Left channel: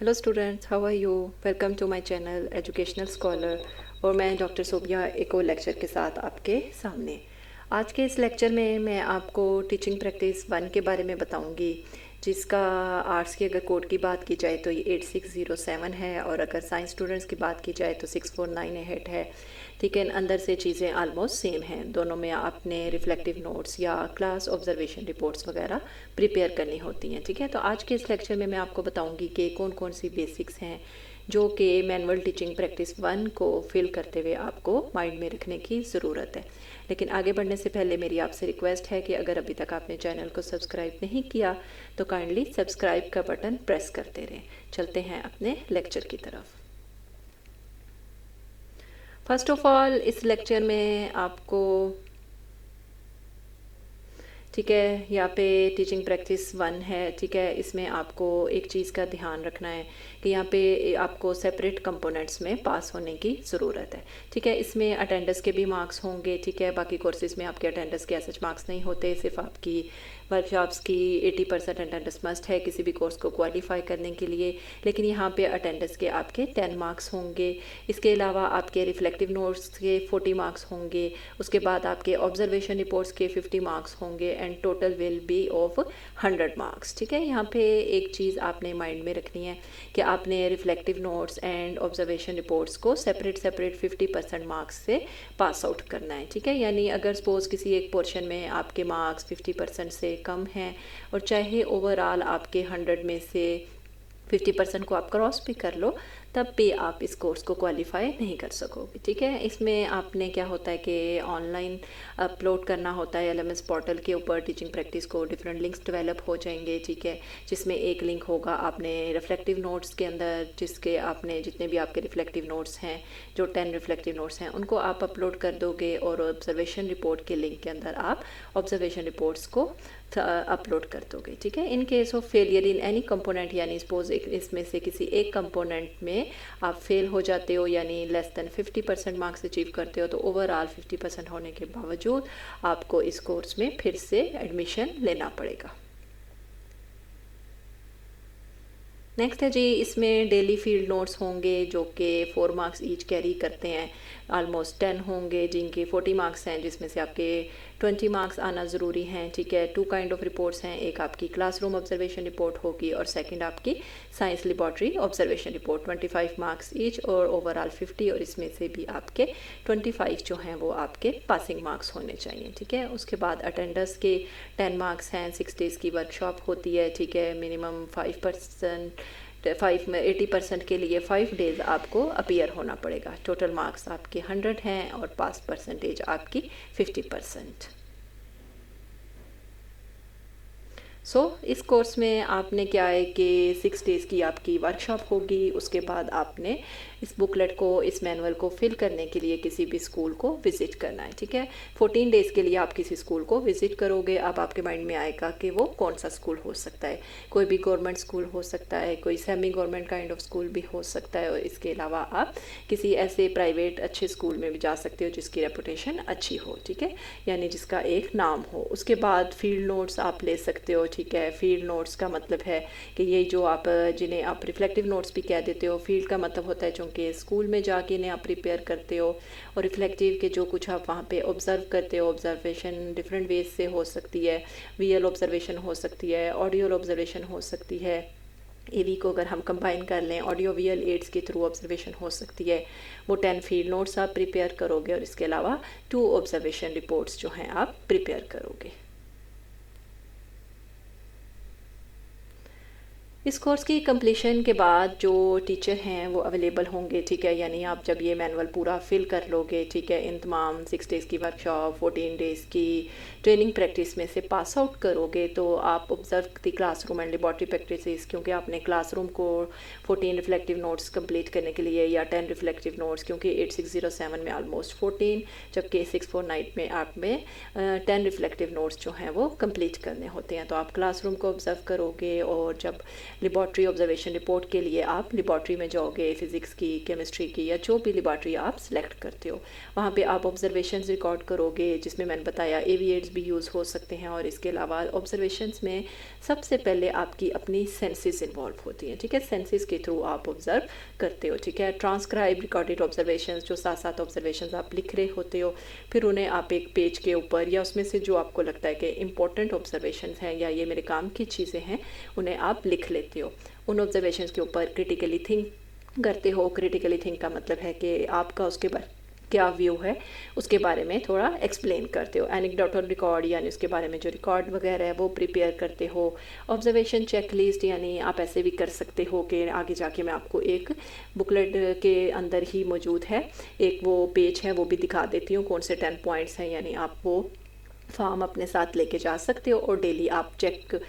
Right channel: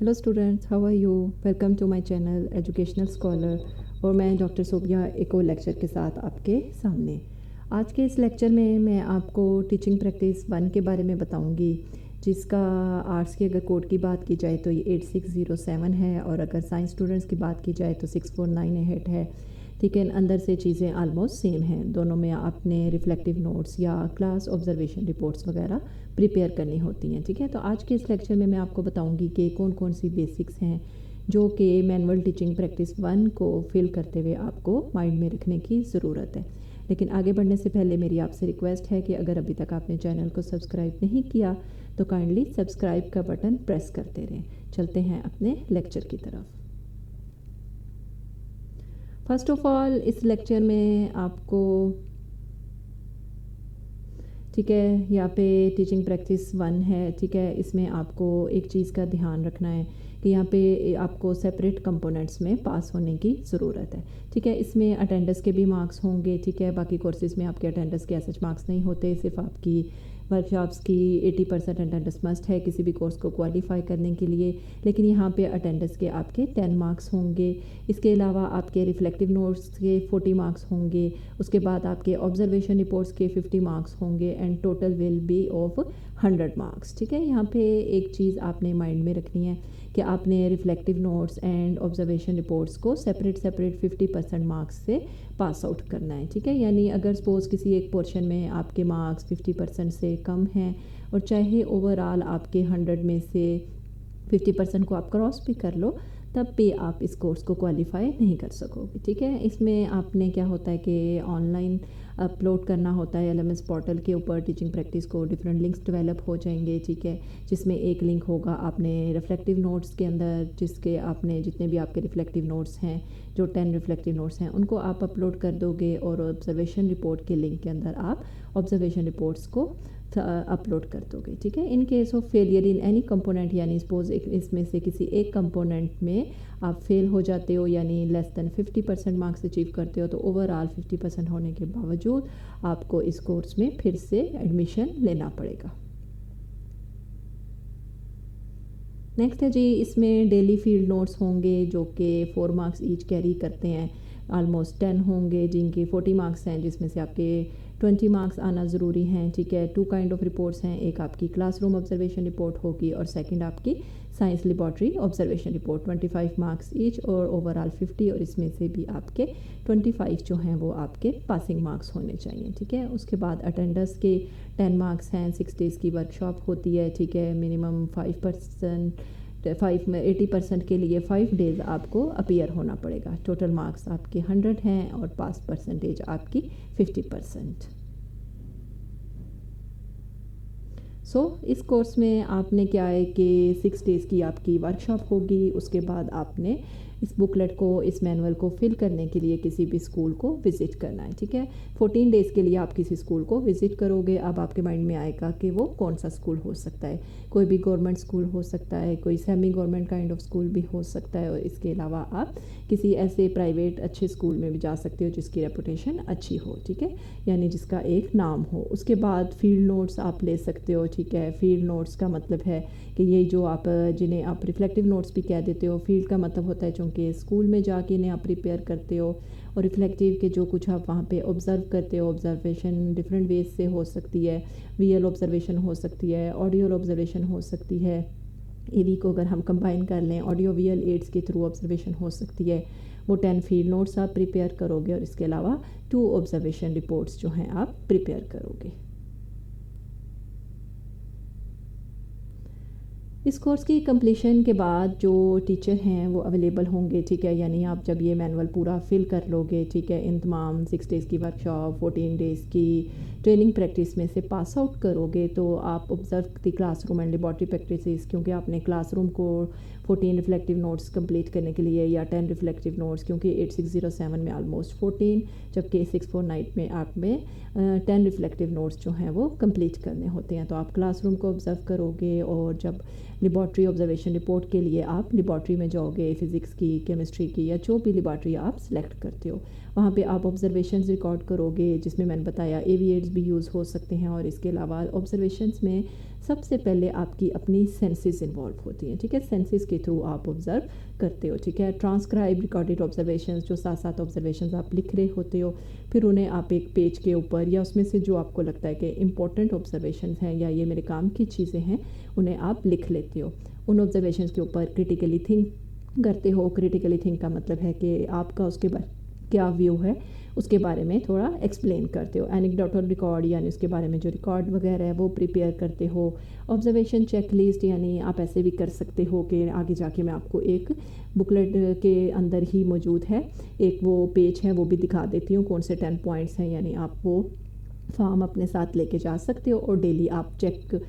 Hello students, how are you? Welcome to my channel educational scholar. और मैं doctor Sobia एक और लेक्चर के साथ आपके सामने। आज के इस लेक्चर में मैं आपको टीचिंग प्रैक्टिस 1 के बारे में बताऊंगी, जिसका आर्ट्स की अगर कोड की बात की जाए तो ये 8607 है, और अगर साइंस स्टूडेंट्स की बात की जाए तो 6498 है। ठीक है, अंदर से चीज़ें आलमोस्ट सेम हैं। दोनों में आपने रिफ्लेक्टिव नोट्स या क्लास ऑब्जर्वेशन रिपोर्ट्स वगैरह प्रिपेयर करनी होती हैं। ठीक है, तो आज के इस लेक्चर में मैं आपको बताऊंगी कि कौन कौन सी बेसिक्स हैं जो कि मैनुअल टीचिंग प्रैक्टिस 1 को फिल करते हुए आपको माइंड में रखने की ज़रूरत है। लेकिन आगे बढ़ने से पहले मेरी आपसे रिक्वेस्ट है कि अगर अभी तक आपने चैनल को सब्सक्राइब नहीं किया तो काइंडली सब्सक्राइब का बटन प्रेस करते रहें। चलते हैं अपने लेक्चर की तरफ। फर्स्ट ऑफ ऑल इस लेक्चर में आपको, ठीक है, यहाँ पे टीचिंग प्रैक्टिस 1 है। ठीक है, इसमें आपको एक चीज़ का ध्यान रखना है कि यहाँ पे आपको सेपरेट कंपोनेंट्स में पास होने की ज़रूरत है। ठीक है, इसमें अटेंडेंस के भी मार्क्स होंगे। ठीक है, बाकी कोर्सेज़ में आपके अटेंडेंस के ऐसे मार्क्स नहीं होते, सिर्फ आपकी वर्कशॉप्स की 80% अटेंडेंस मस्ट है किसी भी कोर्स को क्वालिफाई करने के लिए। लेकिन यहाँ पे अटेंडेंस के आपके 10 मार्क्स होंगे। इसके अलावा आपके रिफ्लेक्टिव नोट्स के 40 मार्क्स होंगे। उसके बाद आपके ऑब्जर्वेशन रिपोर्ट्स के 50 मार्क्स होंगे and total will be of 100 marks. ठीक है, यहाँ पे एक चीज़ आपने माइंड में रखनी है कि आपने reflective notes and observation reports को सेपरेट 50% मार्क्स से पास आउट करना है। ठीक है, यानी अगर सपोज़ किसी एक पोर्शन में आपके मार्क्स 50% से कम हैं और चाहे ओवरऑल आपके 100 में से 50% को आप क्रॉस भी कर लो, तब भी आप इस कोर्स को क्वालिफाई नहीं कर सकोगे। ठीक है, इसमें आपने क्या होता है कि ऑनलाइन अपलोड करना होता है एलएमएस पोर्टल के ऊपर टीचिंग प्रैक्टिस को। डिफरेंट लिंक्स डेवलप हो जाएंगे। ठीक है, जिसमें एक लिंक होगा आपने रिफ्लेक्टिव नोट्स के अंदर, जिसके आपने जितने भी आपके रिफ्लेक्टिव नोट्स हैं, जो 10 रिफ्लेक्टिव नोट्स हैं, उनको आप अपलोड कर दोगे, और ऑब्जर्वेशन रिपोर्ट के लिंक के अंदर आप ऑब्जर्वेशन रिपोर्ट्स को अपलोड कर दोगे। ठीक है, in case of failure in any component, यानी सपोज इसमें से किसी एक कंपोनेंट में आप फेल हो जाते हो, यानी लेस देन 50% मार्क्स अचीव करते हो, तो ओवरऑल 50% होने के बावजूद आपको इस कोर्स में फिर से एडमिशन लेना पड़ेगा। नेक्स्ट है जी, इसमें डेली फील्ड नोट्स होंगे जो कि 4 मार्क्स ईच कैरी करते हैं। आलमोस्ट 10 होंगे जिनके 40 मार्क्स हैं, जिसमें से आपके 20 मार्क्स आना ज़रूरी हैं। ठीक है, 2 काइंड ऑफ रिपोर्ट्स हैं, एक आपकी क्लासरूम ऑब्जर्वेशन रिपोर्ट होगी और सेकंड आपकी science laboratory observation report. 25 marks each और ओवरऑल 50, और इसमें से भी आपके 25 जो हैं वो आपके पासिंग मार्क्स होने चाहिए। ठीक है, उसके बाद अटेंडेंस के 10 मार्क्स हैं। 6 डेज़ की वर्कशॉप होती है। ठीक है, मिनिमम 80% के लिए 5 डेज़ आपको अपीयर होना पड़ेगा। टोटल मार्क्स आपके 100 हैं और पास परसेंटेज आपकी 50%। इस कोर्स में आपने क्या है कि 6 डेज़ की आपकी वर्कशॉप होगी। उसके बाद आपने इस बुकलेट को, इस मैनुअल को फिल करने के लिए किसी भी स्कूल को विज़िट करना है। ठीक है, 14 डेज़ के लिए आप किसी स्कूल को विज़िट करोगे। अब आपके माइंड में आएगा कि वो कौन सा स्कूल हो सकता है। कोई भी गवर्नमेंट स्कूल हो सकता है, कोई semi government kind of school भी हो सकता है, और इसके अलावा आप किसी ऐसे प्राइवेट अच्छे स्कूल में भी जा सकते हो जिसकी रेपुटेशन अच्छी हो। ठीक है, यानी जिसका एक नाम हो। उसके बाद फील्ड नोट्स आप ले सकते हो। ठीक है, फील्ड नोट्स का मतलब है कि ये जो आप, जिन्हें आप रिफ्लेक्टिव नोट्स भी कह देते हो, फील्ड का मतलब होता है चूँकि स्कूल में जाके इन्हें आप प्रिपेयर करते हो, और रिफ्लेक्टिव के जो कुछ आप वहाँ पे ऑब्ज़र्व करते हो, ऑब्जर्वेशन डिफरेंट वेज से हो सकती है। विजुअल ऑब्जर्वेशन हो सकती है, ऑडियो ऑब्जर्वेशन हो सकती है। एवी को अगर हम कंबाइन कर लें, ऑडियो विजुअल एड्स के थ्रू ऑब्जर्वेशन हो सकती है। वो 10 फील्ड नोट्स आप प्रिपेयर करोगे, और इसके अलावा 2 ऑब्जर्वेशन रिपोर्ट्स जो हैं आप प्रिपेयर करोगे। इस कोर्स की कंप्लीशन के बाद जो टीचर हैं वो अवेलेबल होंगे। ठीक है, यानी आप जब ये मैनुअल पूरा फिल कर लोगे, ठीक है, इन तमाम 6 डेज़ की वर्कशॉप, 14 डेज़ की ट्रेनिंग प्रैक्टिस में से पास आउट करोगे, तो आप observe the classroom and laboratory practices, क्योंकि आपने क्लासरूम को 14 रिफ्लेक्टिव नोट्स कंप्लीट करने के लिए, या 10 रिफ्लेक्टिव नोट्स, क्योंकि 8607 में ऑलमोस्ट 14, जबकि 649 में आप में 10 रिफ्लेक्टिव नोट्स जो हैं वो कंप्लीट करने होते हैं। तो आप क्लासरूम को ऑब्जर्व करोगे, और जब लेबॉर्ट्री ऑब्जर्वेशन रिपोर्ट के लिए आप लेबॉर्ट्री में जाओगे, फ़िज़िक्स की, केमिस्ट्री की या जो भी लेबॉर्ट्री आप सेलेक्ट करते हो, वहाँ पे आप ऑब्जर्वेशंस रिकॉर्ड करोगे, जिसमें मैंने बताया एविएट्स भी यूज़ हो सकते हैं। और इसके अलावा ऑब्जर्वेशंस में सबसे पहले आपकी अपनी सेंसेस इन्वॉल्व होती हैं, ठीक है। सेंसेस के थ्रू आप ऑब्ज़र्व करते हो, ठीक है। ट्रांसक्राइब रिकॉर्डेड ऑब्जर्वेशंस, जो साथ साथ ऑब्जर्वेशंस आप लिख रहे होते हो, फिर उन्हें आप एक पेज के ऊपर या उसमें से जो आपको लगता है कि इंपॉर्टेंट ऑब्जर्वेशंस हैं या ये मेरे काम की चीज़ें हैं, उन्हें आप लिख लेते हो। उन ऑब्जर्वेशंस के ऊपर क्रिटिकली थिंक करते हो। क्रिटिकली थिंक का मतलब है कि आपका उसके बाद क्या व्यू है उसके बारे में थोड़ा एक्सप्लेन करते हो। एनेक्डोटल रिकॉर्ड यानी उसके बारे में जो रिकॉर्ड वगैरह है वो प्रिपेयर करते हो। ऑब्जर्वेशन चेक लिस्ट यानी आप ऐसे भी कर सकते हो कि आगे जाके मैं आपको एक बुकलेट के अंदर ही मौजूद है एक वो पेज है, वो भी दिखा देती हूँ कौन से 10 पॉइंट्स हैं, यानी आप वो फॉर्म अपने साथ लेके जा सकते हो और डेली आप चेक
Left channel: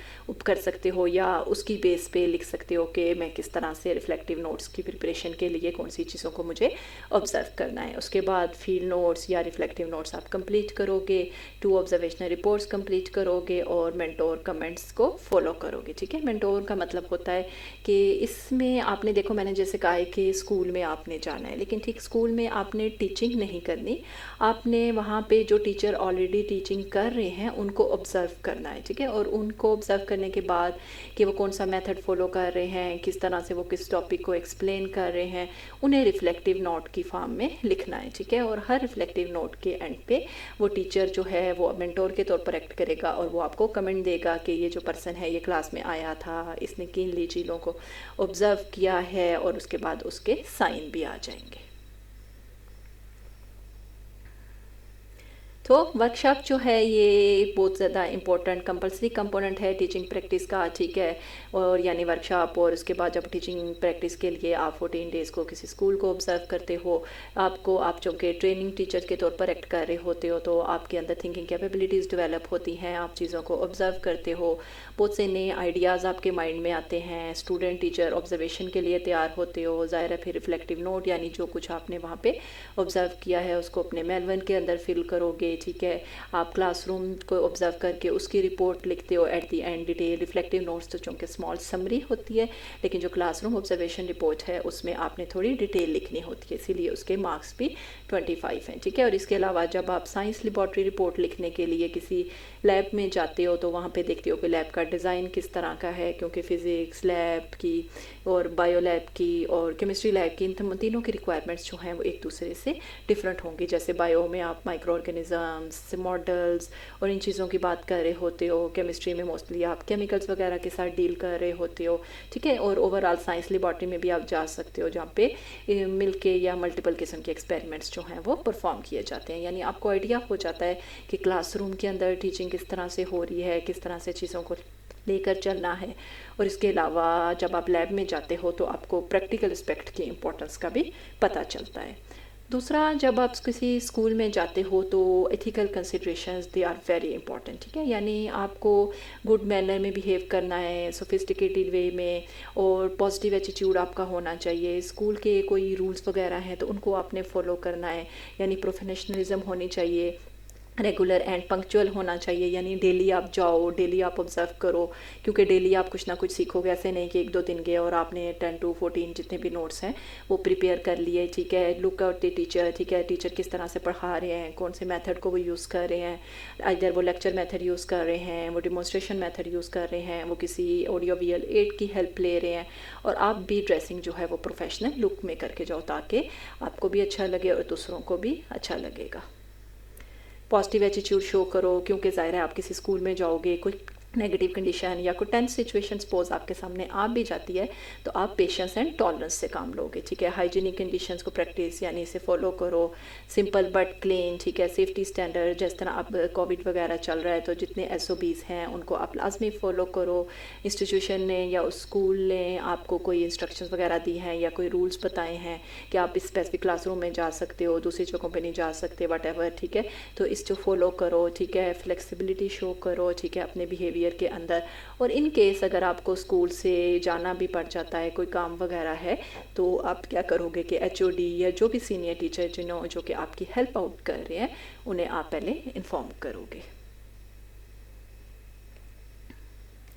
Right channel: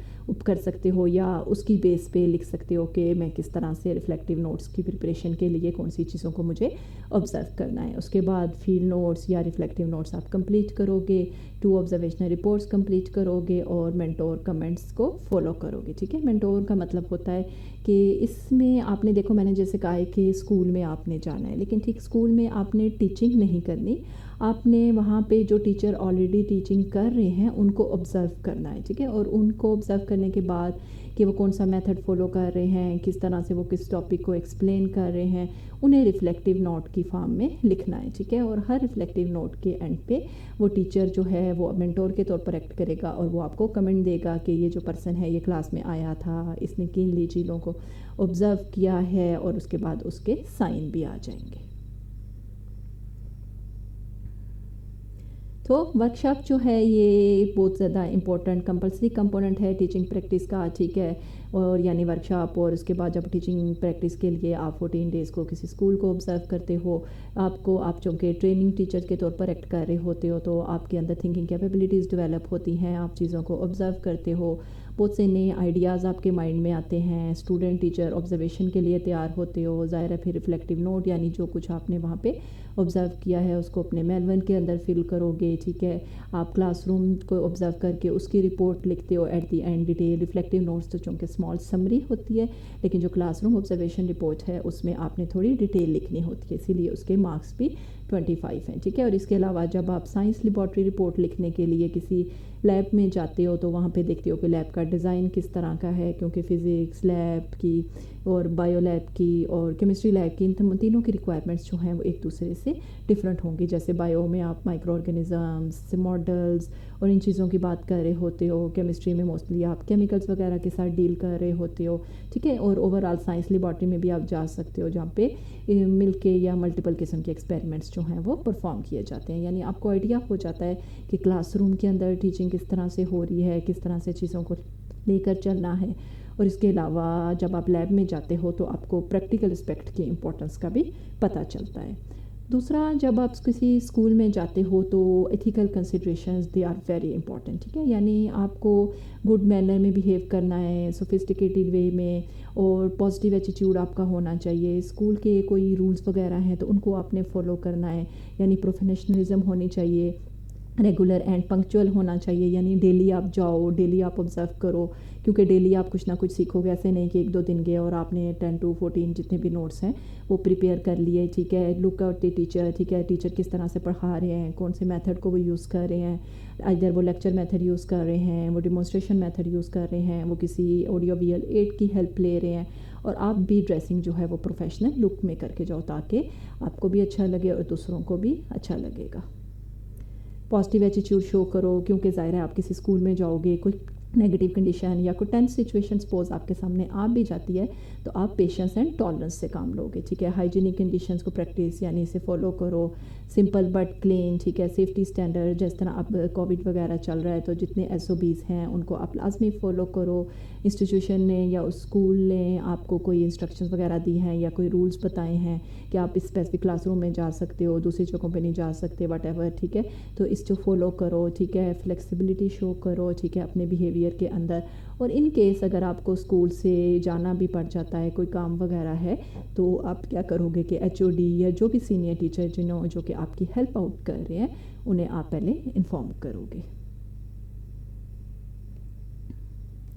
कर सकते हो या उसकी बेस पे लिख सकते हो कि मैं किस तरह से रिफ्लेक्टिव नोट्स की प्रिपरेशन के लिए कौन सी चीज़ों को मुझे ऑब्ज़र्व करना है। उसके बाद फील्ड नोट्स या रिफ्लेक्टिव नोट्स आप कंप्लीट करोगे, 2 ऑब्जर्वेशनल रिपोर्ट्स कंप्लीट करोगे और मेंटोर कमेंट्स को फॉलो करोगे, ठीक है। मेंटोर का मतलब होता है कि इसमें आपने देखो मैंने जैसे कहा है कि स्कूल में आपने जाना है, लेकिन ठीक स्कूल में आपने टीचिंग नहीं करनी, आपने वहाँ पे जो टीचर ऑलरेडी टीचिंग कर रहे हैं उनको ऑब्ज़र्व करना है, ठीक है। और उनको ऑब्ज़र्व करने के बाद कि वो कौन सा मेथड फॉलो कर रहे हैं, किस तरह से वो किस टॉपिक को एक्सप्लेन कर रहे हैं, उन्हें रिफ्लेक्टिव नोट की फॉर्म में लिखना है, ठीक है। और हर रिफ्लेक्टिव नोट के एंड पे वो टीचर जो है वो मेंटोर के तौर पर एक्ट करेगा और वो आपको कमेंट देगा कि ये जो पर्सन है ये क्लास में आया था, इसने किन चीज़ों को ऑब्ज़र्व किया है, और उसके बाद उसके साइन भी आ जाएंगे। तो वर्कशॉप जो है ये बहुत ज़्यादा इम्पोर्टेंट कंपलसरी कंपोनेंट है टीचिंग प्रैक्टिस का, ठीक है। और यानी वर्कशॉप, और उसके बाद जब टीचिंग प्रैक्टिस के लिए आप 14 डेज़ को किसी स्कूल को ऑब्ज़र्व करते हो, आप चूँकि ट्रेनिंग टीचर के तौर पर एक्ट कर रहे होते हो तो आपके अंदर थिंकिंग कैपेबिलिटीज़ डेवलप होती हैं, आप चीज़ों को ऑब्ज़र्व करते हो, बहुत से नए आइडियाज़ आपके माइंड में आते हैं, स्टूडेंट टीचर ऑब्जर्वेशन के लिए तैयार होते हो, ज़ाहिर है फिर रिफ्लेक्टिव नोट यानी जो कुछ आपने वहाँ पे ऑब्ज़र्व किया है उसको अपने मेलवन के अंदर फिल करोगे, ठीक है। आप क्लासरूम को ऑब्ज़र्व करके उसकी रिपोर्ट लिखते हो at the end detail. Reflective notes तो चूँकि स्मॉल समरी होती है, लेकिन जो क्लासरूम ऑब्जर्वेशन रिपोर्ट है उसमें आपने थोड़ी डिटेल लिखनी होती है, इसीलिए उसके मार्क्स भी 25 हैं, ठीक है। और इसके अलावा जब आप साइंस लेबॉर्ट्री रिपोर्ट लिखने के लिए किसी लैब में जाते हो तो वहाँ पे देखते हो कि लैब का डिज़ाइन किस तरह का है, क्योंकि फ़िज़िक्स लैब की और बायो लैब की और केमिस्ट्री लैब की इन तीनों की रिक्वायरमेंट्स जो हैं वो एक दूसरे से डिफरेंट होंगी। जैसे बायो में आप माइक्रो ऑर्गेनिज़म्स, मॉडल्स और इन चीज़ों की बात कर रहे होते हो, केमिस्ट्री में मोस्टली आप केमिकल्स वगैरह के साथ डील कर रहे होते हो, ठीक है। और ओवरऑल साइंस लेबॉर्ट्री में भी आप जा सकते हो जहाँ पे मिल के या मल्टीपल किस्म के एक्सपेरिमेंट्स जो हैं वो परफॉर्म किए जाते हैं, यानी आपको आइडिया हो जाता है कि क्लासरूम के अंदर टीचिंग किस तरह से हो रही है, किस तरह से चीज़ों को लेकर चलना है। और इसके अलावा जब आप लैब में जाते हो तो आपको प्रैक्टिकल एस्पेक्ट की इम्पोर्टेंस का भी पता चलता है। दूसरा, जब आप किसी स्कूल में जाते हो तो ethical considerations they are very important, ठीक है। यानी आपको गुड मैनर में बिहेव करना है, सोफिस्टिकेटेड वे में, और पॉजिटिव एटीट्यूड आपका होना चाहिए। स्कूल के कोई रूल्स वगैरह हैं तो उनको आपने फॉलो करना है, यानी प्रोफेशनलिज्म होनी चाहिए, रेगुलर एंड पंक्चुअल होना चाहिए, यानी डेली आप जाओ, डेली आप ऑब्ज़र्व करो, क्योंकि डेली आप कुछ ना कुछ सीखोगे। ऐसे नहीं कि 1-2 दिन गए और आपने 10 to 14 जितने भी नोट्स हैं वो प्रिपेयर कर लिए, ठीक है। लुक आउट द टीचर, ठीक है, टीचर किस तरह से पढ़ा रहे हैं, कौन से मेथड को वो यूज़ कर रहे हैं, इधर वो लेक्चर मेथड यूज़ कर रहे हैं, वो डिमॉन्स्ट्रेशन मेथड यूज़ कर रहे हैं, वो किसी ऑडियो विजुअल एड की हेल्प ले रहे हैं, और आप भी ड्रेसिंग जो है वो प्रोफेशनल लुक में करके जाओ ताकि आपको भी अच्छा लगे और दूसरों को भी अच्छा लगेगा। पॉजिटिव एटीट्यूड शो करो, क्योंकि ज़ाहिर है आप किसी स्कूल में जाओगे, कोई नेगेटिव कंडीशन या कोई टेंस सिचुएशन सपोज आपके सामने आ भी जाती है तो आप पेशेंस एंड टॉलरेंस से काम लोगे, ठीक है। हाइजीनिक कंडीशंस को प्रैक्टिस यानी इसे फॉलो करो, सिंपल बट क्लीन, ठीक है। सेफ्टी स्टैंडर्ड, जिस तरह अब कोविड वगैरह चल रहा है तो जितने SOPs हैं उनको आप लाजमी फ़ॉलो करो। इंस्टीट्यूशन ने या उस स्कूल ने आपको कोई इंस्ट्रक्शंस वगैरह दी हैं या कोई रूल्स बताए हैं कि आप इस स्पेसिफिक क्लासरूम में जा सकते हो, दूसरी जगहों पे नहीं जा सकते, वट, ठीक है। तो इसको फॉलो करो, ठीक है। फ्लेक्सिबिलिटी शो करो, ठीक है, अपने बिहेवियर के अंदर। और इन केस अगर आपको स्कूल से जाना भी पड़ जाता है, कोई काम वगैरह है, तो आप क्या करोगे कि HOD या जो भी सीनियर टीचर जो कि आपकी हेल्प आउट कर रहे हैं उन्हें आप पहले इन्फॉर्म करोगे।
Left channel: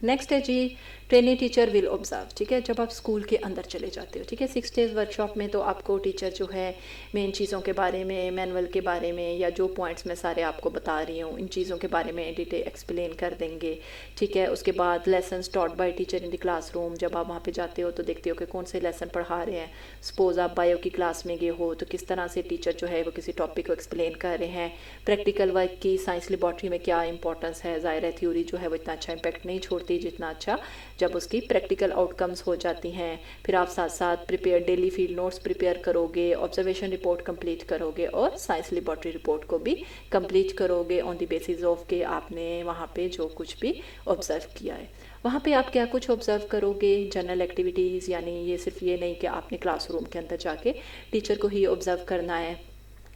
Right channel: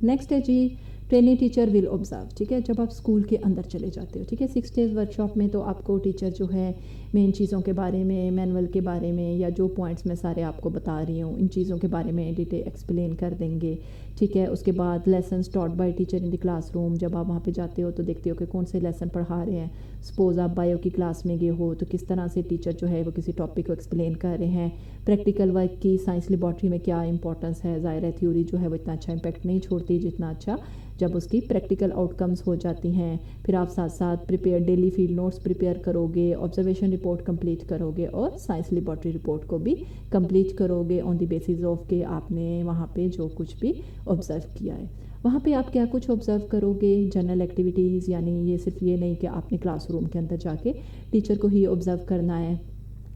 नेक्स्ट है जी ट्रेनी टीचर विल ऑब्जर्व, ठीक है, जब आप स्कूल के अंदर चले जाते हो, ठीक है। 6 डेज़ वर्कशॉप में तो आपको टीचर जो है मेन चीज़ों के बारे में, मैनुअल के बारे में, या जो पॉइंट्स मैं सारे आपको बता रही हूँ इन चीज़ों के बारे में डिटेल एक्सप्लेन कर देंगे, ठीक है। उसके बाद lessons taught by teacher in the classroom, जब आप वहाँ पे जाते हो तो देखते हो कि कौन से लेसन पढ़ा रहे हैं। सपोज़ आप बायो की क्लास में गए हो तो किस तरह से टीचर जो है वो किसी टॉपिक को एक्सप्लेन कर रहे हैं। प्रैक्टिकल वर्क की साइंस लेबॉर्ट्री में क्या इंपॉर्टेंस है, ज़ाहिर है थ्योरी जो है वो इतना अच्छा इम्पैक्ट नहीं छोड़ती जितना अच्छा जब उसकी प्रैक्टिकल आउटकम्स हो जाती हैं। फिर आप साथ साथ डेली फील्ड नोट्स प्रिपेयर करोगे, ऑब्जर्वेशन रिपोर्ट कंप्लीट करोगे और साइंस लेबॉर्ट्री रिपोर्ट को भी कंप्लीट करोगे ऑन द बेसिस ऑफ के आपने वहाँ पे जो कुछ भी ऑब्ज़र्व किया है। वहाँ पे आप क्या कुछ ऑब्ज़र्व करोगे, जनरल एक्टिविटीज़, यानी ये सिर्फ ये नहीं कि आपने क्लासरूम के अंदर जाके टीचर को ही ऑब्ज़र्व करना है।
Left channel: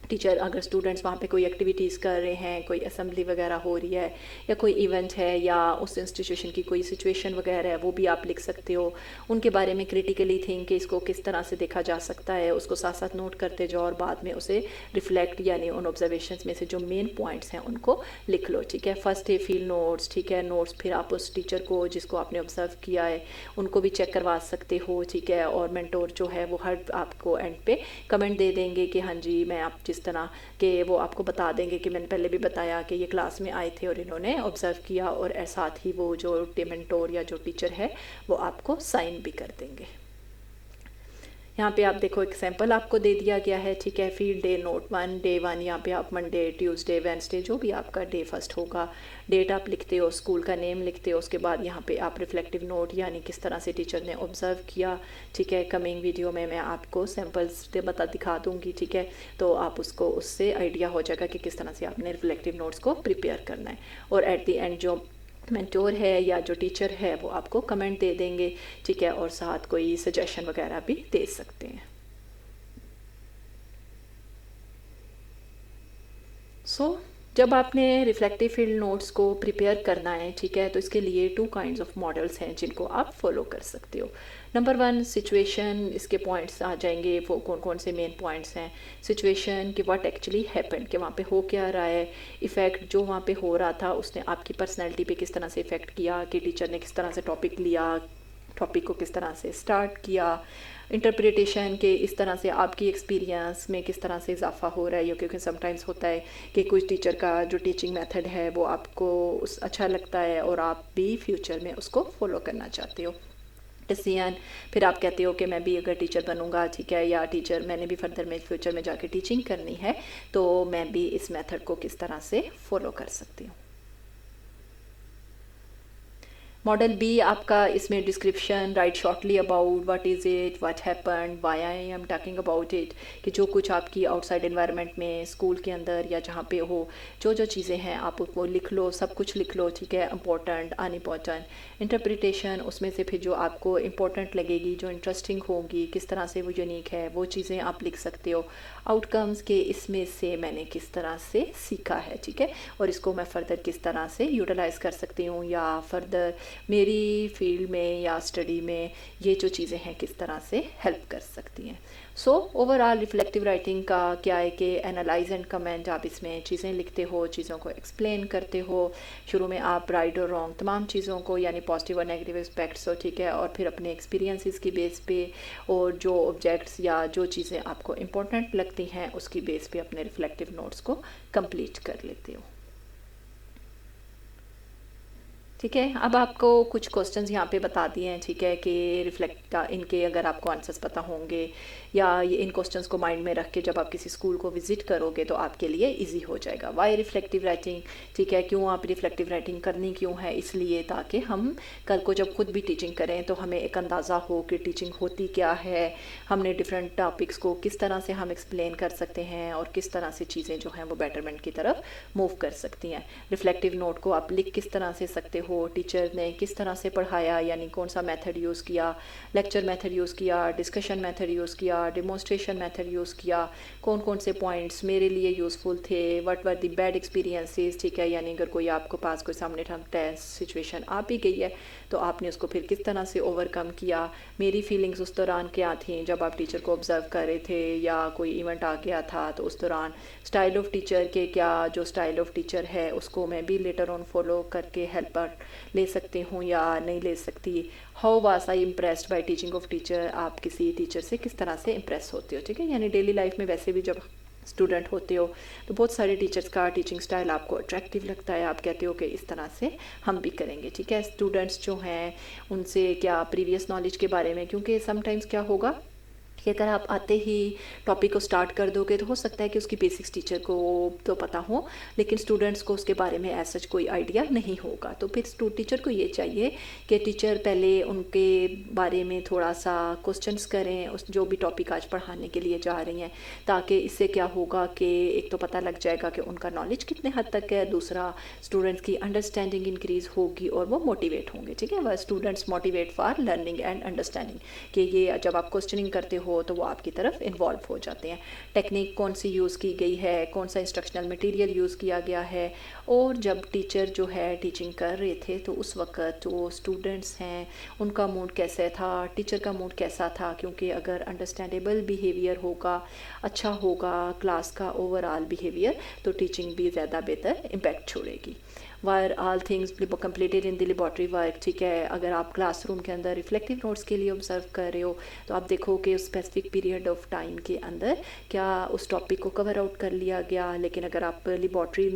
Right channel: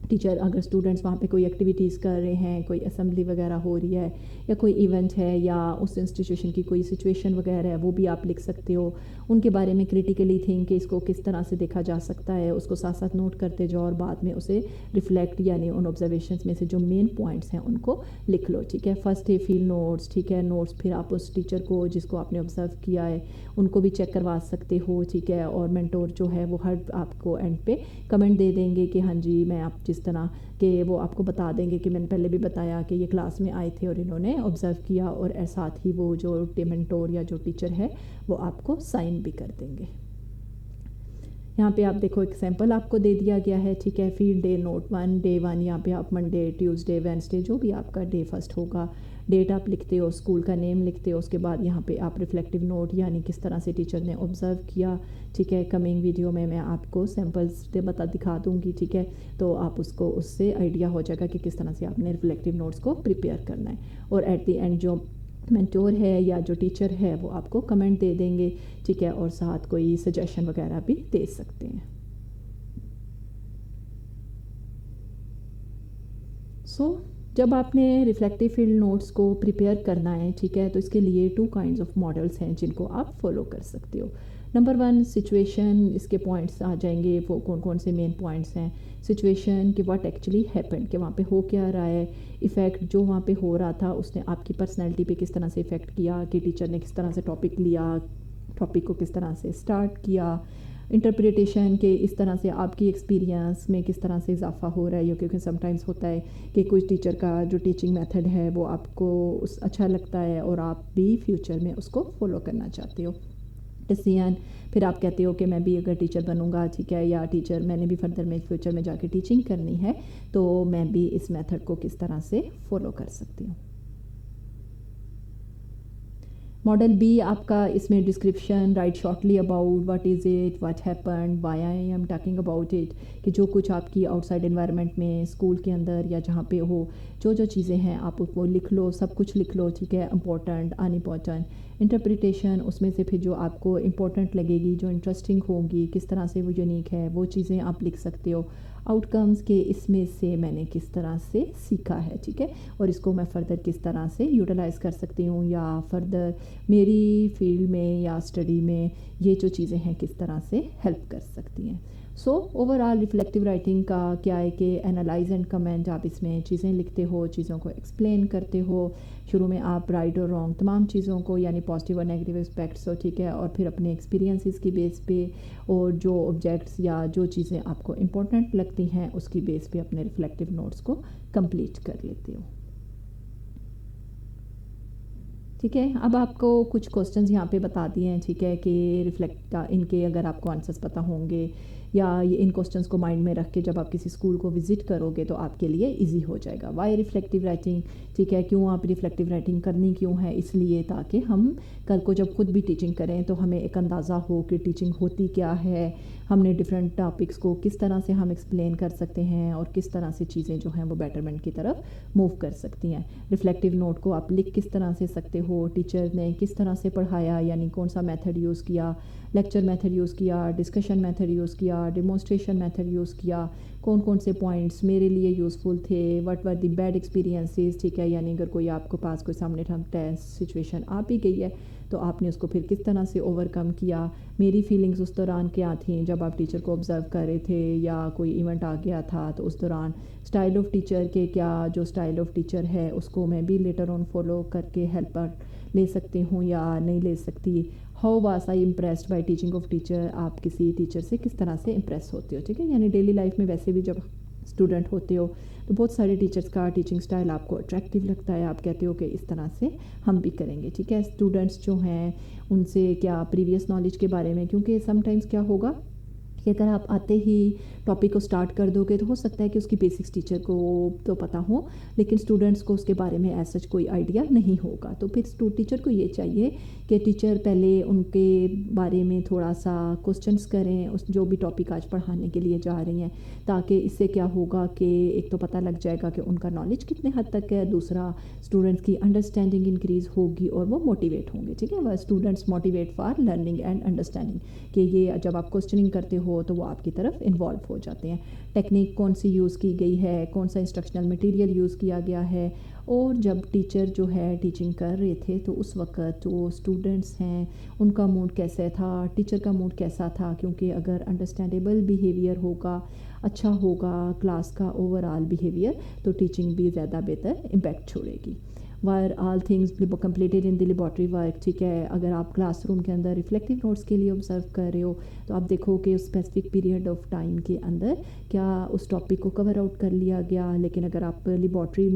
टीचर अगर स्टूडेंट्स वहाँ पे कोई एक्टिविटीज़ कर रहे हैं, कोई असेंबली वगैरह हो रही है या कोई इवेंट है या उस इंस्टीट्यूशन की कोई सिचुएशन वगैरह है, वो भी आप लिख सकते हो। उनके बारे में क्रिटिकली थिंक कि इसको किस तरह से देखा जा सकता है, उसको साथ साथ नोट करते जाओ और बाद में उसे रिफ्लेक्ट यानी उन ऑब्जर्वेशंस में से जो मेन पॉइंट्स हैं उनको लिख लो, ठीक है। फर्स्ट डे फील्ड नोट्स, ठीक है, नोट्स फिर आप उस टीचर को जिसको आपने ऑब्जर्व किया है उनको भी चेक करवा सकते हो, ठीक है। और मेंटोर जो है वो हर आपको एंड पे कमेंट दे देंगे कि हाँ जी मैं आप जिस तरह कि वो आपको बता देंगे कि मैंने पहले भी बताया कि ये क्लास में आए थे और इन्होंने ऑब्ज़र्व किया, और साथ ही वो जो मेंटोर या जो टीचर है वो आपको साइन भी कर देंगे। यहाँ पे आप देखो एग्जाम्पल आपको दे दिया गया है, ठीक है। फील्ड डे नोट 1 डे 1, यहाँ पे आप मंडे, ट्यूसडे, वेडनेसडे जो भी आपका डे फर्स्ट होगा, डेट आप लिखते हो, स्कूल का नेम लिखते हो, उसके बाद यहाँ पे आप रिफ्लेक्टिव नोट यानी किस तरह से टीचर ने ऑब्ज़र्व किया, ठीक है। कमिंग वीडियो में मैं आपको सैम्पल्स दिखा दूँगी, ठीक है, तो आप उसको उससे आइडिया हो जाएगा कि किस तरह से आपने रिफ्लेक्टिव नोट्स को प्रिपेयर करना है। और एट दी एंड जो मेंटोर है या जो टीचर है वो आपको कमेंट दे देंगे, ठीक है, और साथ कोई सजेशन वगैरह भी दे सकते हैं। जब आपने रिफ्लेक्टिव फील्ड नोट्स को प्रिपेयर करना है, ठीक है, तो इसके लिए 2 काइंड्स ऑफ मॉडल्स हैं जिनको आप फॉलो कर सकते हो। नंबर 1 सिचुएशन, इसके पॉइंट्स आ जाएंगे, वो कौन कौन से मेन पॉइंट्स हैं। सिचुएशन कि व्हाट एक्चुअली हैपेंड, कि वहाँ पे हो क्या रहा है, इफ़ेक्ट जो वहाँ पे हो रहा था उसने आपकी पर्सनैलिटी पे किस तरह से इफ़ेक्ट किया, कि टीचर ने किस तरह से टॉपिक लिया, टॉपिक को किस तरह से स्टार्ट किया। इंटरप्रिटेशन के इस तरह से आपकी एक्सपीरियंस में किस तरह से इजाफा हो रहा है, क्योंकि समटाइम्स होता है कि कुछ टीचर का जो टीचिंग मेथड है वो आपको अच्छा लगता है और आप भी फ्यूचर में उसको फॉलो करना चाहते हो। डिसीजन, फिर आप कहते हो कि मैं भी अगर टीचर बनूंगा, ठीक है, या टीचर मैंने भी फर्दर में फ्यूचर में जाके टीचिंग करनी है तो मैं भी इस मेथड को किस तरह से फॉलो कर सकती हूँ। मॉडल बी आपका इसमें description, right shortly about what is it, what happened, why I am talking about it, कि जो कुछ आपकी आउटसाइड एनवायरनमेंट में स्कूल के अंदर या जहाँ पे हो जो जो चीज़ें हैं आप उसको लिख लो, सब कुछ लिख लो, ठीक है, इंपॉर्टेंट अनइम्पॉर्टेंट। इंटरप्रिटेशन, उसमें से फिर जो आपको इंपॉर्टेंट लगेगी, जो इंटरेस्टिंग होगी, किस तरह से वो यूनिक है, वो चीज़ें आप लिख सकते हो। आउटकम्स के इसमें से मैंने किस तरह से सीखा है, ठीक है, और इसको मैं फ़र्दर किस तरह से यूटिलाइज़ कर सकती हूँ या फ़र्दर मेरी फील्ड में या स्टडी में ये जो चीज़ें हैं किस तरह से हेल्प कर सकती हैं। सो ओवरऑल रिफ्लेक्टिव राइटिंग का क्या है कि एनालाइज एंड कमेंट, आप इसमें चीज़ें लिखते हो, चीज़ों को एक्सप्लेन करते हो। शुरू में आप राइट और रॉन्ग तमाम चीज़ों को यानी पॉजिटिव और नेगेटिव एस्पेक्ट्स हो, ठीक है, और फिर अपने एक्सपीरियंसेस की बेस पे और जो ऑब्जेक्ट्स या जो चीज़ें आपको इम्पोर्टेंट लगती हैं उसकी बेस पे अपने रिफ्लेक्टिव नोट्स को कंप्लीट कर लेते हो, ठीक है। अब आपको कुछ क्वेश्चंस यहाँ पे बता दिए हैं, ठीक है, कि रिफ्लेक्ट इनके अगर आपको आंसर्स पता होंगे या ये इन क्वेश्चंस को माइंड में रख के जब आप किसी स्कूल को विज़िट करोगे तो आपके लिए इजी हो जाएगा। वाई रिफ्लेक्टिव राइटिंग, ठीक है, क्यों आप रिफ्लेक्टिव राइटिंग करनी क्यों है, इसलिए ताकि हम कल को जब खुद भी टीचिंग करें तो हमें एक अंदाज़ा हो कि टीचिंग होती क्या है, हमने डिफरेंट टॉपिक्स को किस तरह से हम एक्सप्लेन कर सकते हैं और किस तरह से चीज़ें जो हैं वो बेटरमेंट की तरफ मूव कर सकती हैं। रिफ्लेक्टिव नोट को आप लिख किस तरह से सकते हो, टीचर ने किस तरह से पढ़ाया यानी कौन सा मेथड यूज़ किया, लेक्चर मेथड यूज़ किया, डिस्कशन मेथड यूज़ किया, डेमोन्स्ट्रेशन मेथड यूज़ किया, कौन कौन से पॉइंट्स मेरे लिए यूज़फुल थे, what were the bad experiences, ठीक है, यानी अगर कोई आपके पास कोई सामने टेंस सिचुएशन आ भी गई है تو آپ نے اس کو پھر کس طرح سے اوورکم کیا. میری فیلنگز اس دوران کیا تھیں جب آپ ٹیچر کو آبزرو کر رہے تھے یا کوئی ایونٹ آ گیا تھا تو اس دوران اسٹائل آف ٹیچر کے کیا جو اسٹائل آف ٹیچر ہے اس کو میں بھی لیٹر آن فالو کر کے ہیلپ لے سکتی ہوں یا نہیں لے سکتی. How was I impressed by teaching of teacher. آپ کسی ٹیچر سے کس طرح سے امپریس ہوتے ہو. ٹھیک ہے, یعنی ڈیلی لائف میں ویسے بھی جب اسٹوڈنٹ ہوتے ہو تو بہت سارے ٹیچرس کا ٹیچنگ اسٹائل آپ کو اٹریکٹیو لگتا ہے, آپ کہتے ہو کہ اس طرح سے ہم بھی کریں گے. ٹھیک ہے, اسٹوڈنٹس جو ہیں ان سے کیا پریویس نالج کے بارے میں, کیونکہ سم ٹائمز کیا ہوگا کہ اگر آپ آتے ہی ٹاپک کو سٹارٹ کر دو گے تو ہو سکتا ہے کہ اس کی بیسکس ٹیچر کو تو پتہ ہو لیکن اسٹوڈنٹس کو اس کے بارے میں ایز سچ کوئی آئیڈیا نہیں ہوگا. تو پھر ٹیچر کو یہ چاہیے کہ ٹیچر پہلے ان کے بارے میں تھوڑا سا کوسچنس کریں اس جو بھی ٹاپک آج پڑھانے کے لیے جا رہی ہیں, تاکہ اس سے کیا ہوگا کہ ایک تو پتہ لگ جائے گا کہ ان کا نالج کتنے حد تک ہے, دوسرا اسٹوڈنٹس کی انڈرسٹینڈنگ انکریز ہوگی اور وہ موٹیویٹ ہوں گے. ٹھیک ہے, وہ students motivate for learning and understanding, کہ یہ جب آپ کوسچننگ کرتے ہو تو وہ آپ کی طرف انوالو ہو جاتے ہیں. ٹیکنیک کون سی یوز کی گئی ہے, کون سا انسٹرکشنل مٹیریل یوز کیا گیا ہے, اور جب ٹیچر جو ہے ٹیچنگ کر رہے تھے تو اس وقت جو اسٹوڈنٹس ہیں ان کا موڈ کیسا تھا, ٹیچر کا موڈ کیسا تھا. کیونکہ اگر انڈرسٹینڈیبل بیہیویئر ہوگا, اچھا ہوگا کلاس کا اوور آل بیہیویئر, تو ٹیچنگ بھی زیادہ بہتر امپیکٹ چھوڑے گی. Wire all things completed in the laboratory work. ٹھیک ہے, اگر آپ کلاس روم کے اندر ریفلیکٹیو نوٹس کے لیے آبزرو کر رہے ہو تو آپ دیکھو کہ اس اسپیسیفک پیریڈ آف ٹائم کے اندر کیا اس ٹاپک کو کور آؤٹ کر لیا گیا. لیکن اگر آپ لیبارٹری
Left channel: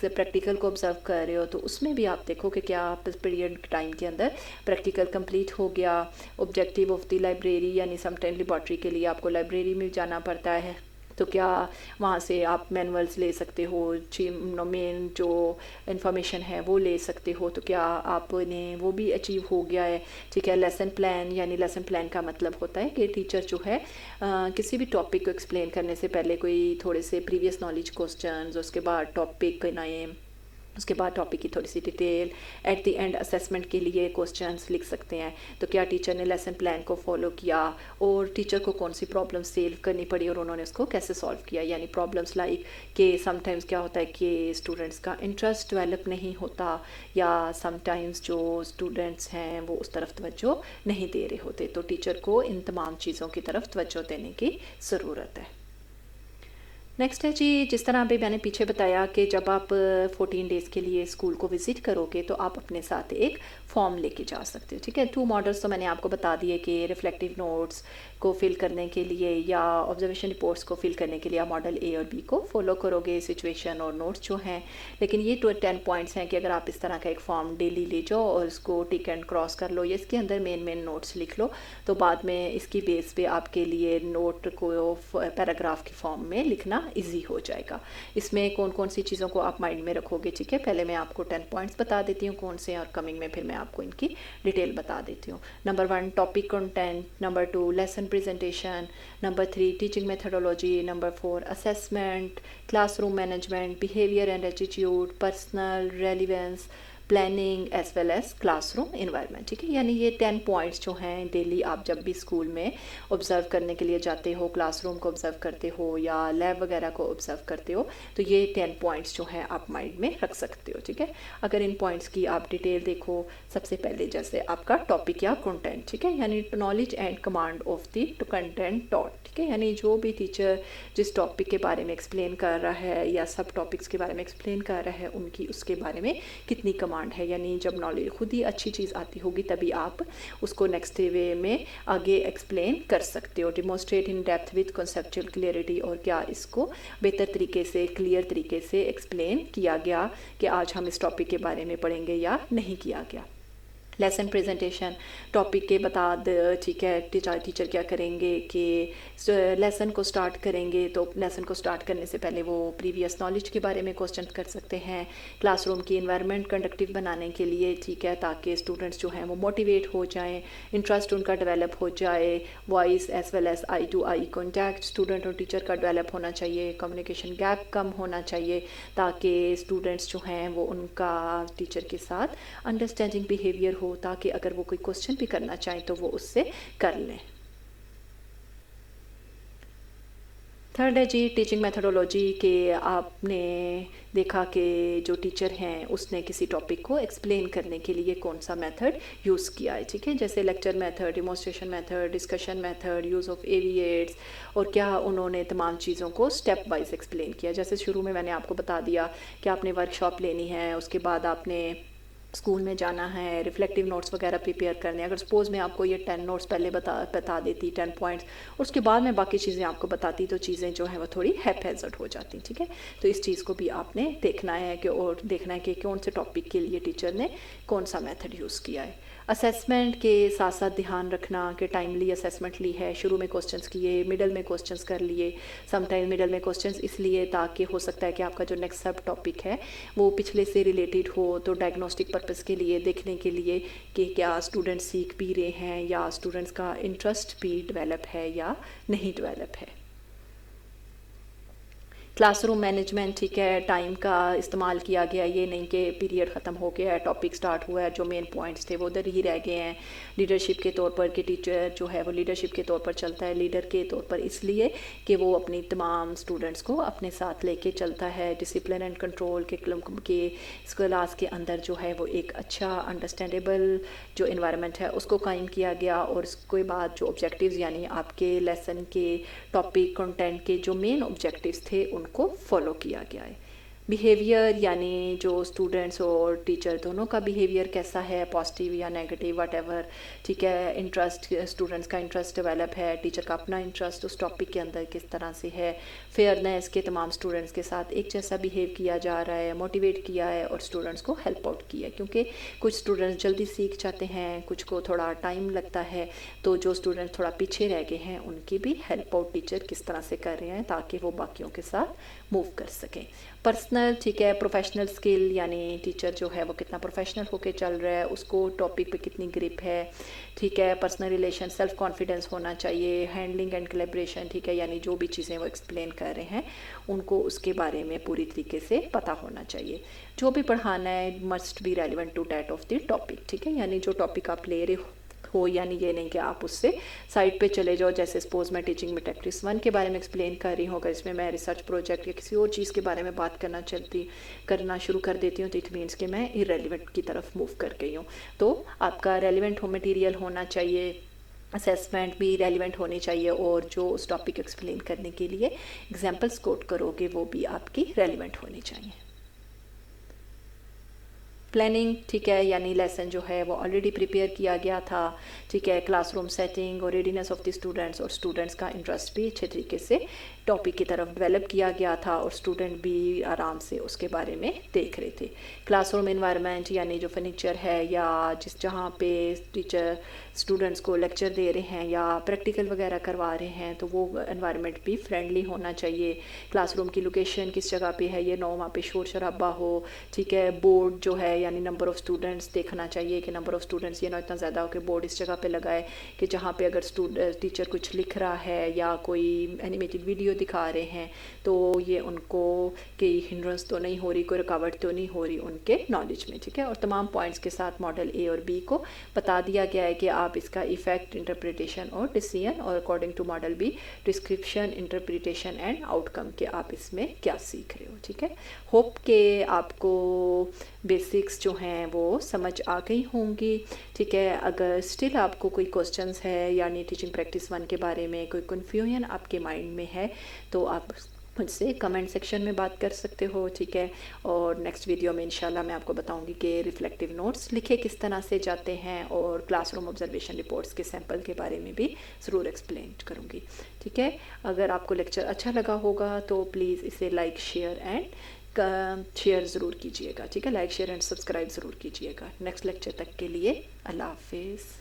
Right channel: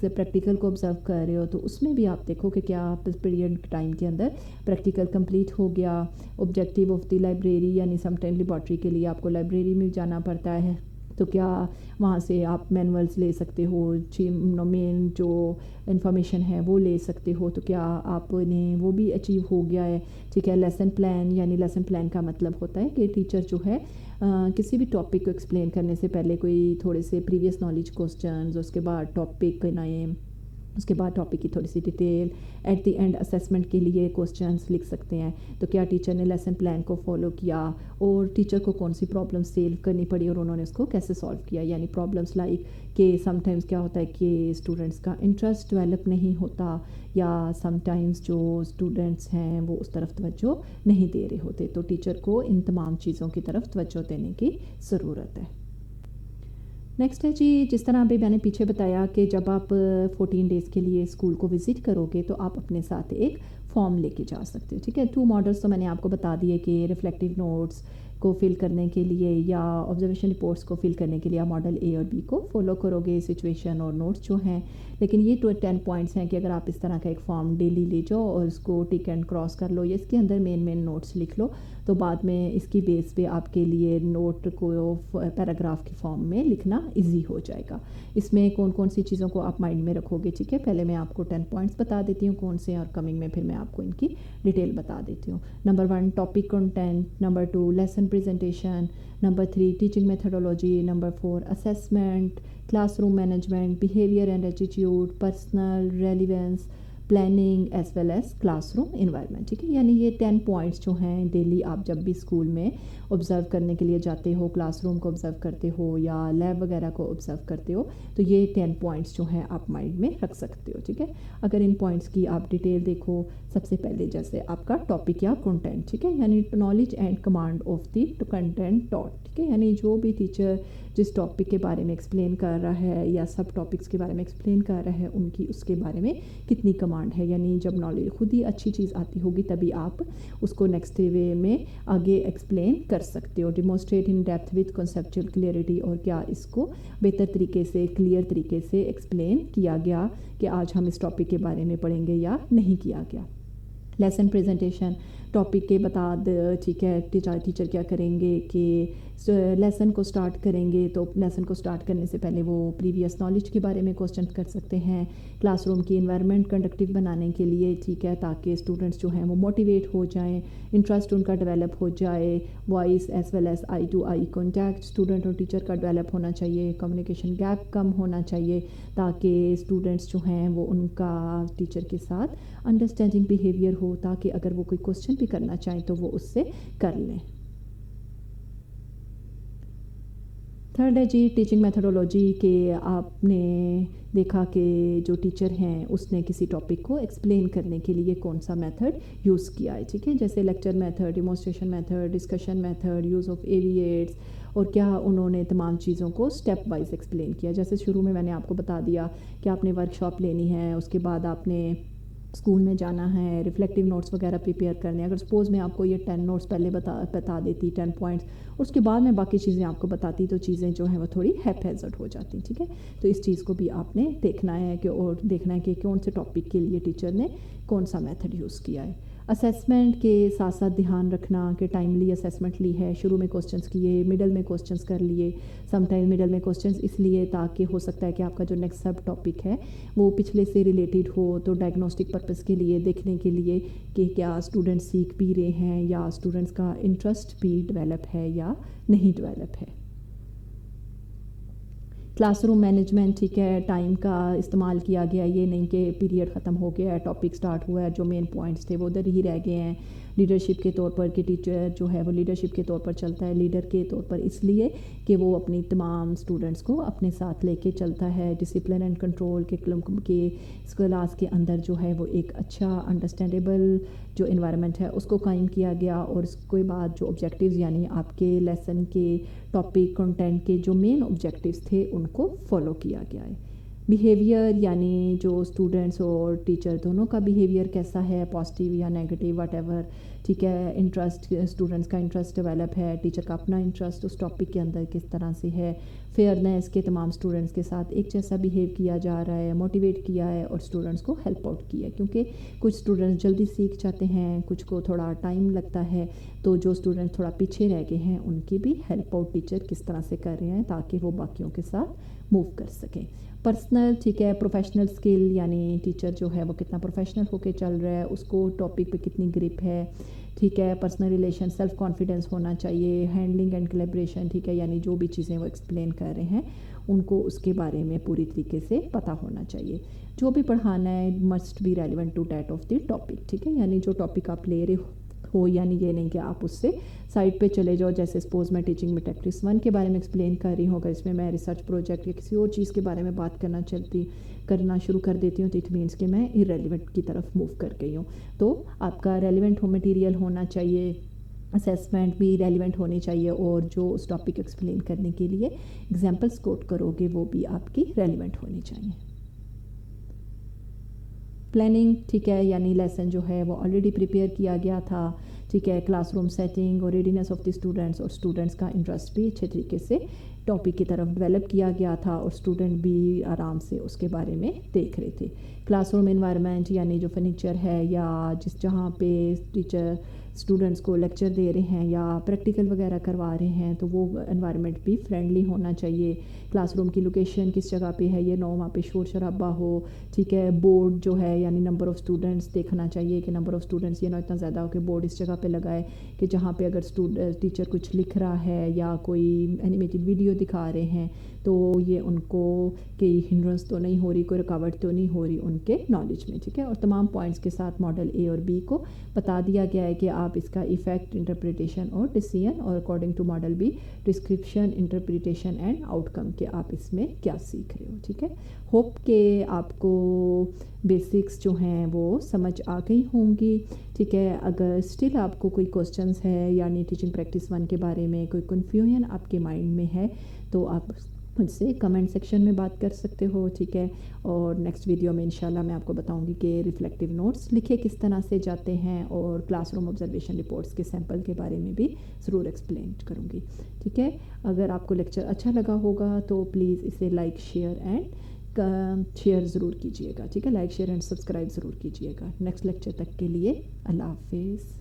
پریکٹیکل کو آبزرو کر رہے ہو تو اس میں بھی آپ دیکھو کہ کیا پیریڈ ٹائم کے اندر پریکٹیکل کمپلیٹ ہو گیا. آبجیکٹیو آف دی لائبریری, یعنی سم ٹائم لیبارٹری کے لیے آپ کو لائبریری میں جانا پڑتا ہے تو کیا وہاں سے آپ مینولس لے سکتے ہو, مین جو انفارمیشن ہے وہ لے سکتے ہو, تو کیا آپ نے وہ بھی اچیو ہو گیا ہے. ٹھیک ہے, لیسن پلان, یعنی لیسن پلان کا مطلب ہوتا ہے کہ ٹیچر جو ہے کسی بھی ٹاپک کو ایکسپلین کرنے سے پہلے کوئی تھوڑے سے پریویس نالج کوسچنز, اس کے بعد ٹاپک نئے, اس کے بعد ٹاپک کی تھوڑی سی detail, at the end assessment کے لیے کوسچنس لکھ سکتے ہیں. تو کیا ٹیچر نے لیسن پلان کو فالو کیا, اور ٹیچر کو کون سی پرابلم سیو کرنی پڑی اور انہوں نے اس کو کیسے سالو کیا. یعنی پرابلمس لائک کہ سم ٹائمز کیا ہوتا ہے کہ اسٹوڈنٹس کا انٹرسٹ ڈیولپ نہیں ہوتا, یا سم ٹائمز جو اسٹوڈنٹس ہیں وہ اس طرف توجہ نہیں دے رہے ہوتے, تو ٹیچر کو ان تمام چیزوں کی طرف توجہ دینے کی ضرورت ہے. نیکسٹ ہے جی, جس طرح ابھی میں نے پیچھے بتایا کہ جب آپ 14 ڈیز کے لیے اسکول کو وزٹ کرو گے تو آپ اپنے ساتھ ایک فارم لے کے جا سکتے ہو. ٹھیک ہے, 2 ماڈلس تو میں نے آپ کو بتا دیے کہ ریفلیکٹیو نوٹس کو فل کرنے کے لیے یا آبزرویشن رپورٹس کو فل کرنے کے لیے آپ ماڈل اے اور بی کو فالو کرو گے, سچویشن اور نوٹس جو ہیں. لیکن یہ 10 پوائنٹس ہیں کہ اگر آپ اس طرح کا ایک فارم ڈیلی لے جاؤ اور اس کو ٹک اینڈ کراس کر لو یا اس کے اندر مین نوٹس لکھ لو, تو بعد میں اس کی بیس پہ آپ کے لیے نوٹ کو پیراگراف کی فارم میں لکھنا ایزی ہو جائے گا. اس میں کون کون سی چیزوں کو آپ مائنڈ میں رکھو گے. ٹھیک ہے, پہلے میں آپ کو 10 پوائنٹس بتا دیتی ہوں کون سے, اور کمنگ میں پھر میں آپ کو ان کی ڈیٹیل بتا دیتی ہوں. Number 1 topic content, number 2 lesson presentation, number 3 teaching methodology, number 4 assessment, classroom management, behaviour and attitude, personal relevance, planning as well as classroom environment. ٹھیک ہے, یعنی یہ 10 پوائنٹس جو ہیں ڈیلی آپ جب بھی اسکول میں آبزرو کرنے کے لیے جاتے ہو, کلاس روم کو آبزرو کرتے ہو یا لیب وغیرہ کو آبزرو کرتے ہو, تو یہ 10 پوائنٹس جو ہیں آپ مائنڈ میں رکھ سکتے ہو. ٹھیک ہے, اگر ان پوائنٹس کی آپ ڈیٹیل دیکھو, سب سے پہلے جیسے آپ کا ٹاپک یا کنٹینٹ. ٹھیک ہے, یعنی knowledge and command of the content taught. ٹھیک ہے, یعنی جو بھی ٹیچر جس ٹاپک کے بارے میں ایکسپلین کر رہا ہے یا سب ٹاپکس کے بارے میں ایکسپلین کر رہا ہے ان کی اس کے بارے میں کتنی کمانڈ ہے. یعنی جب نالج خود ہی اچھی چیز آتی ہوگی تبھی آپ اس کو نیکسٹ وے میں آگے ایکسپلین کر سکتے ہو. Demonstrate in depth with conceptual clarity, اور کیا اس کو بہتر طریقے سے کلیئر طریقے سے ایکسپلین کیا گیا کہ آج ہم اس ٹاپک کے بارے میں پڑھیں گے یا نہیں کیا گیا. لیسن پریزنٹیشن, ٹاپک کے بتا ٹھیک ہے, ٹیچر کیا کریں گے کہ لیسن کو سٹارٹ کریں گے تو لیسن کو سٹارٹ کرنے سے پہلے وہ پریویس نالج کے بارے میں کوسچن کر سکتے ہیں کلاس روم کی انوائرمنٹ کنڈکٹیو بنانے کے لیے. ٹھیک ہے, تاکہ اسٹوڈنٹس جو ہیں وہ موٹیویٹ ہو جائیں, انٹرسٹ ان کا ڈیولپ ہو جائے. Voice as well as eye to eye contact student اور ٹیچر کا ڈیولپ ہونا چاہیے. کمیونیکیشن گیپ کم ہونا چاہیے تاکہ اسٹوڈنٹس جو ہیں وہ ان کا ٹیچر کے ساتھ انڈرسٹینڈنگ بیہیویئر ہو, تاکہ اگر وہ کوئی کوسچن بھی کرنا چاہیں تو وہ اس سے کر لیں. थर्ड है जी टीचिंग मेथोडोलॉजी के आपने देखा कि जो टीचर हैं उसने किसी टॉपिक को एक्सप्लेन करने के लिए कौन सा मेथड यूज़ किया है, ठीक है, जैसे lecture method, demonstration method, discussion method, use of AV aids, और क्या उन्होंने तमाम चीज़ों को स्टेप वाइज एक्सप्लेन किया। जैसे शुरू में मैंने आपको बता दिया कि आपने वर्कशॉप लेनी है, उसके बाद आपने स्कूल में जाना है, रिफ्लेक्टिव नोट्स वगैरह प्रिपेयर करने हैं। अगर सपोज़ मैं आपको ये 10 नोट्स पहले बता देती, 10 पॉइंट्स, उसके बाद मैं बाकी चीज़ें आपको बताती, तो चीज़ें जो हैं वो थोड़ी हैphazard हो जाती, ठीक है। तो इस चीज़ को भी आपने देखना है कि, और देखना है कि कौन से टॉपिक के लिए टीचर ने कौन सा मेथड यूज़ किया है। असेसमेंट के साथ साथ ध्यान रखना कि टाइमली असेसमेंट ली है, शुरू में क्वेश्चंस किए, मिडल में क्वेश्चंस कर लिए, समटाइम मिडल में क्वेश्चंस इसलिए ताकि हो सकता है कि आपका जो नेक्स्ट सब टॉपिक है वो पिछले से रिलेटेड हो, तो डायग्नोस्टिक पर्पस के लिए देखने के लिए कि क्या स्टूडेंट्स सीख भी रहे हैं या स्टूडेंट्स का इंटरेस्ट भी डेवलप है या नहीं डेवलप है। क्लासरूम मैनेजमेंट, ठीक है, टाइम का इस्तेमाल किया गया, ये नहीं कि पीरियड ख़त्म हो गया है, टॉपिक स्टार्ट हुआ है, जो मेन पॉइंट्स थे वो उधर ही रह गए हैं। लीडरशिप के तौर पर कि टीचर जो है वो लीडरशिप के तौर पर चलता है, लीडर के तौर पर इसलिए कि वो अपनी तमाम स्टूडेंट्स को अपने साथ लेके चलता है। डिसिप्लिन एंड कंट्रोल के क्लास के अंदर जो है वो एक अच्छा अंडरस्टैंडेबल जो इन्वायरमेंट है उसको कायम किया गया, और उसके बाद जो ऑब्जेक्टिव्स यानी आपके लेसन के टॉपिक कंटेंट के जो मेन ऑब्जेक्टिव्स थे उनको फॉलो किया गया है। बिहेवियर यानी जो स्टूडेंट्स और टीचर दोनों का बिहेवियर कैसा है, पॉजिटिव या नेगेटिव वट, ठीक है। इंटरेस्ट, स्टूडेंट्स का इंटरेस्ट डेवलप है, टीचर का अपना इंटरेस्ट उस टॉपिक के अंदर किस तरह से है। फेयरनेस के तमाम स्टूडेंट्स के साथ एक जैसा बिहेव किया जा रहा है, मोटिवेट किया है और स्टूडेंट्स को हेल्प आउट किया है, क्योंकि कुछ स्टूडेंट्स जल्दी सीख जाते हैं, कुछ को थोड़ा टाइम लगता है, तो जो स्टूडेंट्स थोड़ा पीछे रह गए हैं उनकी भी हेल्प आउट टीचर किस तरह से कर रहे हैं ताकि वो बाकियों के साथ मूव कर सकें। पर्सनल, ठीक है, प्रोफेशनल स्किल यानी टीचर जो है वो कितना प्रोफेशनल होके चल रहा है, उसको टॉपिक पे कितनी ग्रिप है, ठीक है। पर्सनल रिलेशन, सेल्फ कॉन्फिडेंस होना चाहिए। हैंडलिंग एंड कोलैबोरेशन, ठीक है, यानी जो भी चीज़ें वो एक्सप्लेन कर रहे हैं उनको उसके बारे में पूरी तरीके से पता होना चाहिए। जो भी पढ़ाना है must be relevant to that of the topic, ठीक है, यानी जो टॉपिक आप ले रहे हो, यानी ये नहीं कि आप उससे साइड पे चले जाओ। जैसे सपोज मैं टीचिंग में प्रैक्टिस 1 के बारे में एक्सप्लेन कर रही हूँ, अगर इसमें मैं रिसर्च प्रोजेक्ट या किसी और चीज़ के बारे में बात करना शुरू कर देती हूँ तो इट मीन्स कि मैं इरेलीवेंट की तरफ मूव कर गई हूँ। तो आपका रेलिवेंट मटेरियल होना चाहिए, असेसमेंट भी रेलिवेंट होनी चाहिए, और जो उस टॉपिक एक्सप्लेन करने के लिए एग्जाम्पल्स कोट करोगे वो भी आपकी रेलिवेंट होनी चाहिए। प्लानिंग, ठीक है, यानी लेसन जो है वो ऑलरेडी प्रिपेयर किया गया था, ठीक है। क्लासरूम सेटिंग और रेडीनेस ऑफ द स्टूडेंट्स, और स्टूडेंट्स का इंटरेस्ट भी अच्छे तरीके से टॉपिक की तरफ डेवलप किया गया था, और स्टूडेंट भी आराम से उसके बारे में देख रहे थे। क्लासरूम एनवायरनमेंट यानी जो फर्नीचर है या जहाँ पे टीचर स्टूडेंट्स को लेक्चर दे रहे हैं या प्रैक्टिकल वगैरह करवा रहे हैं, तो वो एनवायरनमेंट भी फ्रेंडली होना चाहिए। क्लासरूम की लोकेशन किस जगह पे है, ये ना वहाँ पे शोर शराबा हो, ठीक है। बोर्ड जो है यानी नंबर ऑफ़ स्टूडेंट्स देखना चाहिए कि नंबर ऑफ़ स्टूडेंट्स ये ना इतना ज़्यादा हो कि बोर्ड इस जगह पे लगाए कि जहाँ पे अगर टीचर कुछ लिख रहा है या कोई एनिमेटेड वीडियो दिखा रहे हैं तो ये उनको कोई हिंड्रेंस तो नहीं हो रही, कोई रुकावट तो नहीं हो रही उनके नॉलेज में, ठीक है। और तमाम पॉइंट्स के साथ मॉडल ए और बी को बता दिया गया है कि आप इसका इफ़ेक्ट, इंटरप्रिटेशन और डिसीजन, और according to model be description, interpretation and outcome के आप इसमें क्या सीख रहे हो, ठीक है। होप के आपको बेसिक्स जो हैं वो समझ आ गई होंगी, ठीक है। अगर स्टिल आपको कोई क्वेश्चंस है यानी टीचिंग प्रैक्टिस 1 के बारे में कोई कन्फ्यूजन आपके माइंड में है तो आप मुझसे कमेंट सेक्शन में बात कर सकते हो, ठीक है। और नेक्स्ट वीडियो में इंशाल्लाह मैं आपको बताऊंगी कि रिफ्लेक्टिव नोट्स लिखे किस तरह से जाते हैं, और क्लासरूम ऑब्जर्वेशन रिपोर्ट्स के सैंपल के बारे में भी ज़रूर एक्सप्लेन करूंगी, ठीक है। अगर आपको लेक्चर अच्छा लगा होगा तो प्लीज़ इसे लाइक, शेयर ज़रूर कीजिएगा, ठीक है। लाइक, शेयर एंड सब्सक्राइब ज़रूर कीजिएगा। नेक्स्ट लेक्चर तक के लिए अल्लाह हाफिज़।